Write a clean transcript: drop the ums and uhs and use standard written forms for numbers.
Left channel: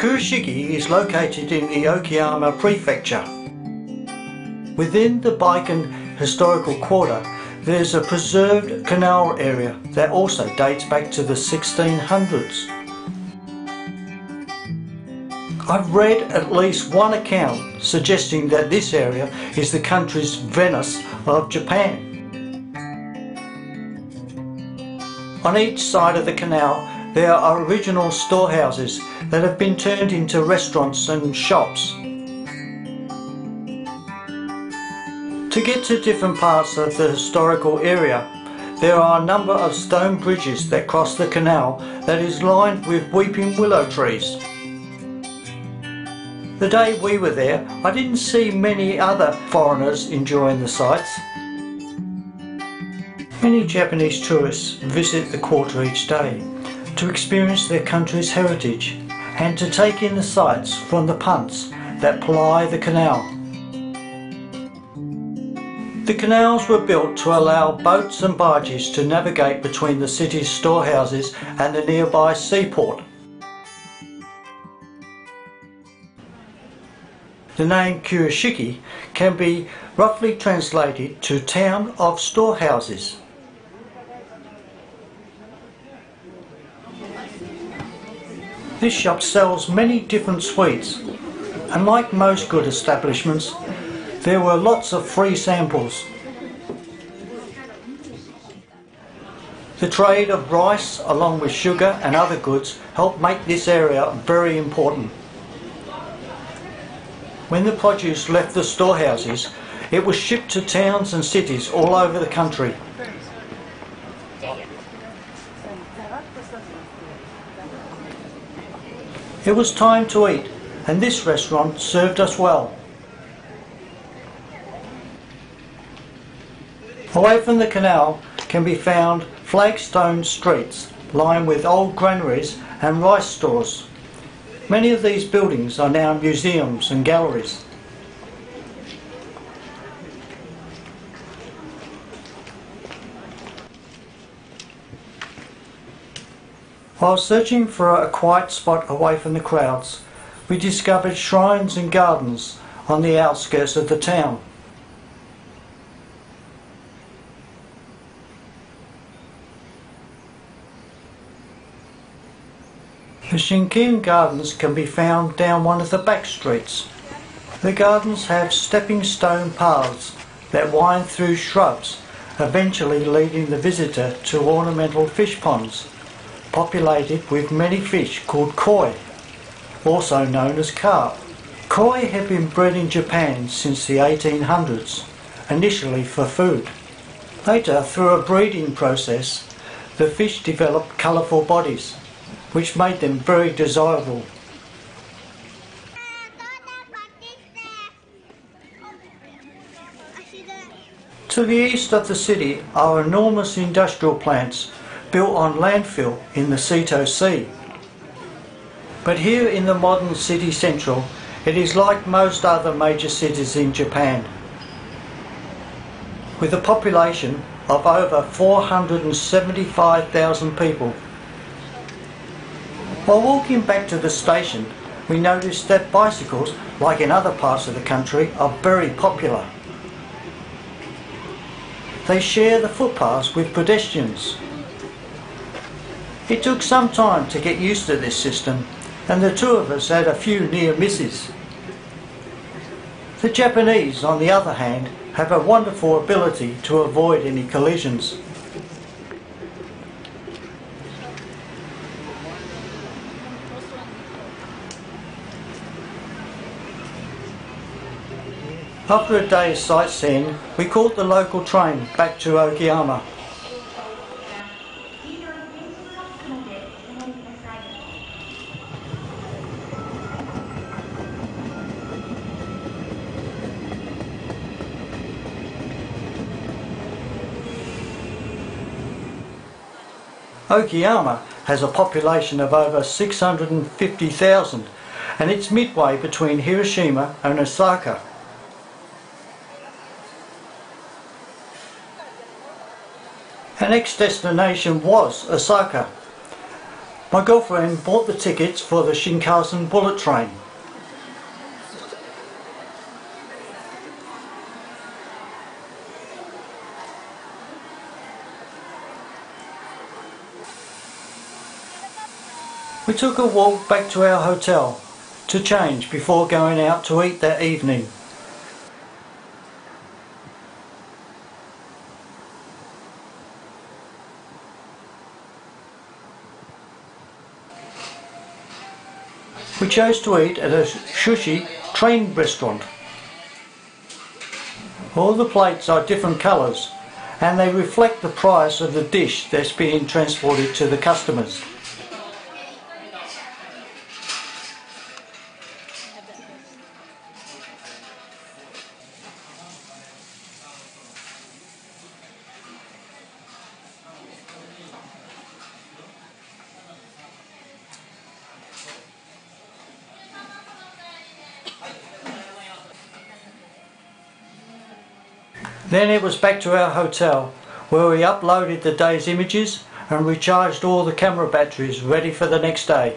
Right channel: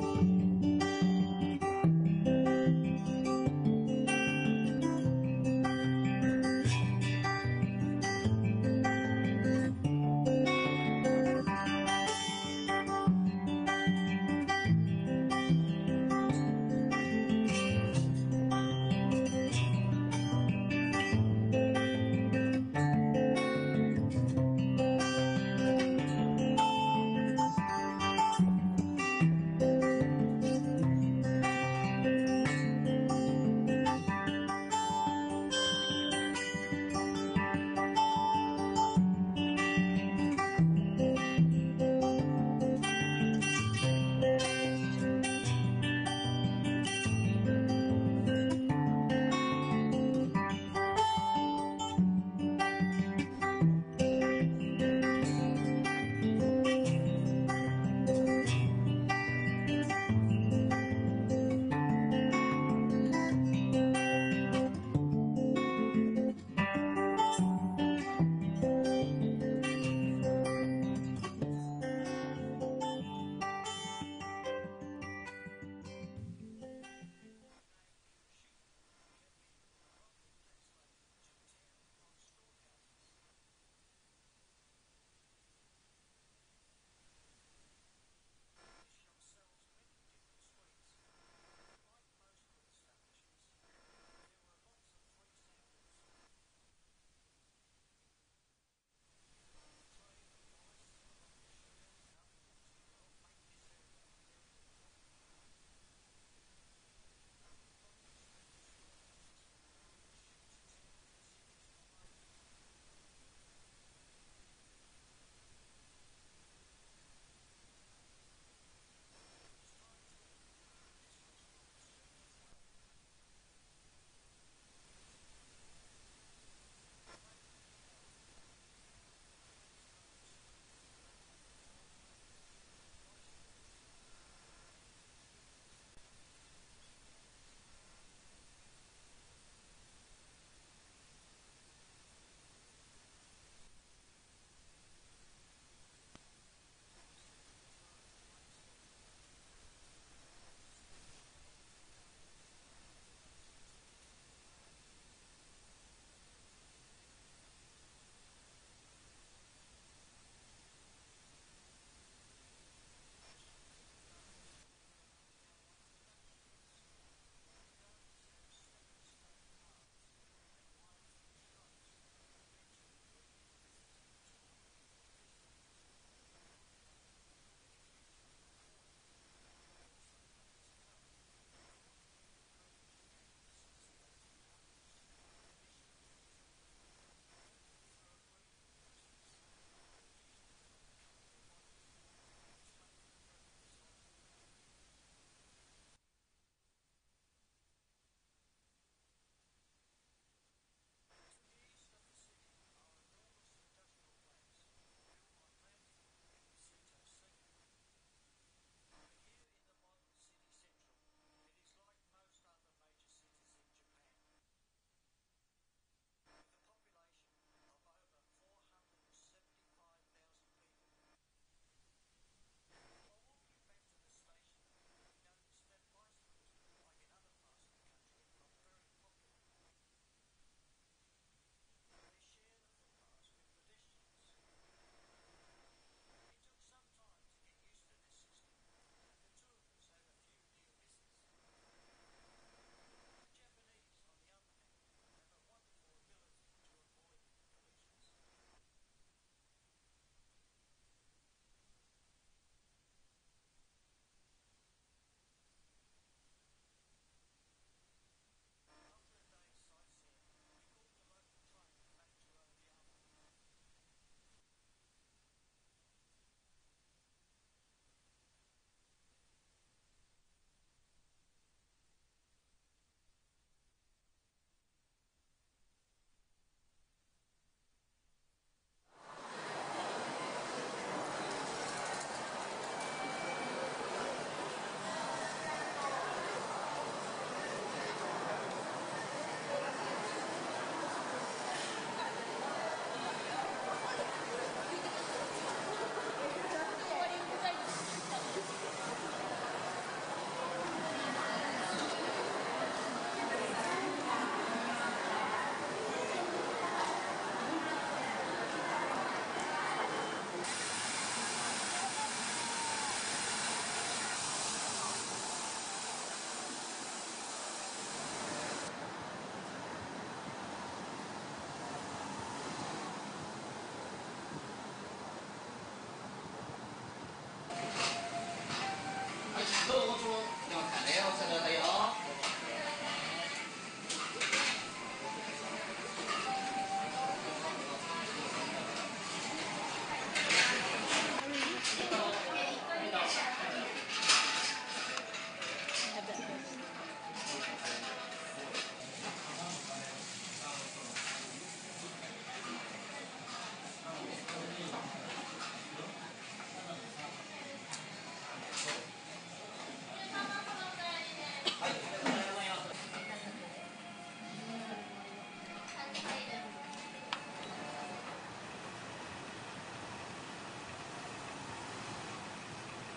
Kurashiki is located in the Okayama prefecture. Within the Bikan Historical Quarter, there's a preserved canal area that also dates back to the 1600s. I've read at least one account suggesting that this area is the country's Venice of Japan. On each side of the canal there are original storehouses that have been turned into restaurants and shops. To get to different parts of the historical area, there are a number of stone bridges that cross the canal that is lined with weeping willow trees. The day we were there, I didn't see many other foreigners enjoying the sights. Many Japanese tourists visit the quarter each day to experience their country's heritage and to take in the sights from the punts that ply the canal. The canals were built to allow boats and barges to navigate between the city's storehouses and the nearby seaport. The name Kurashiki can be roughly translated to town of storehouses. This shop sells many different sweets, and like most good establishments, there were lots of free samples. The trade of rice along with sugar and other goods helped make this area very important. When the produce left the storehouses, it was shipped to towns and cities all over the country. It was time to eat, and this restaurant served us well. Away from the canal can be found flagstone streets lined with old granaries and rice stores. Many of these buildings are now museums and galleries. While searching for a quiet spot away from the crowds, we discovered shrines and gardens on the outskirts of the town. The Shinkin gardens can be found down one of the back streets. The gardens have stepping stone paths that wind through shrubs, eventually leading the visitor to ornamental fish ponds, populated with many fish called koi, also known as carp. Koi have been bred in Japan since the 1800s, initially for food. Later, through a breeding process, the fish developed colourful bodies, which made them very desirable. To the east of the city are enormous industrial plants built on landfill in the Seto Sea. But here in the modern city central, it is like most other major cities in Japan, with a population of over 475,000 people. While walking back to the station, we noticed that bicycles, like in other parts of the country, are very popular. They share the footpaths with pedestrians. It took some time to get used to this system, and the two of us had a few near misses. The Japanese, on the other hand, have a wonderful ability to avoid any collisions. After a day's sightseeing, we caught the local train back to Okayama. Okayama has a population of over 650,000, and it's midway between Hiroshima and Osaka. Our next destination was Osaka. My girlfriend bought the tickets for the Shinkansen bullet train. We took a walk back to our hotel to change before going out to eat that evening. We chose to eat at a sushi train restaurant. All the plates are different colours and they reflect the price of the dish that's being transported to the customers. Then it was back to our hotel where we uploaded the day's images and recharged all the camera batteries ready for the next day.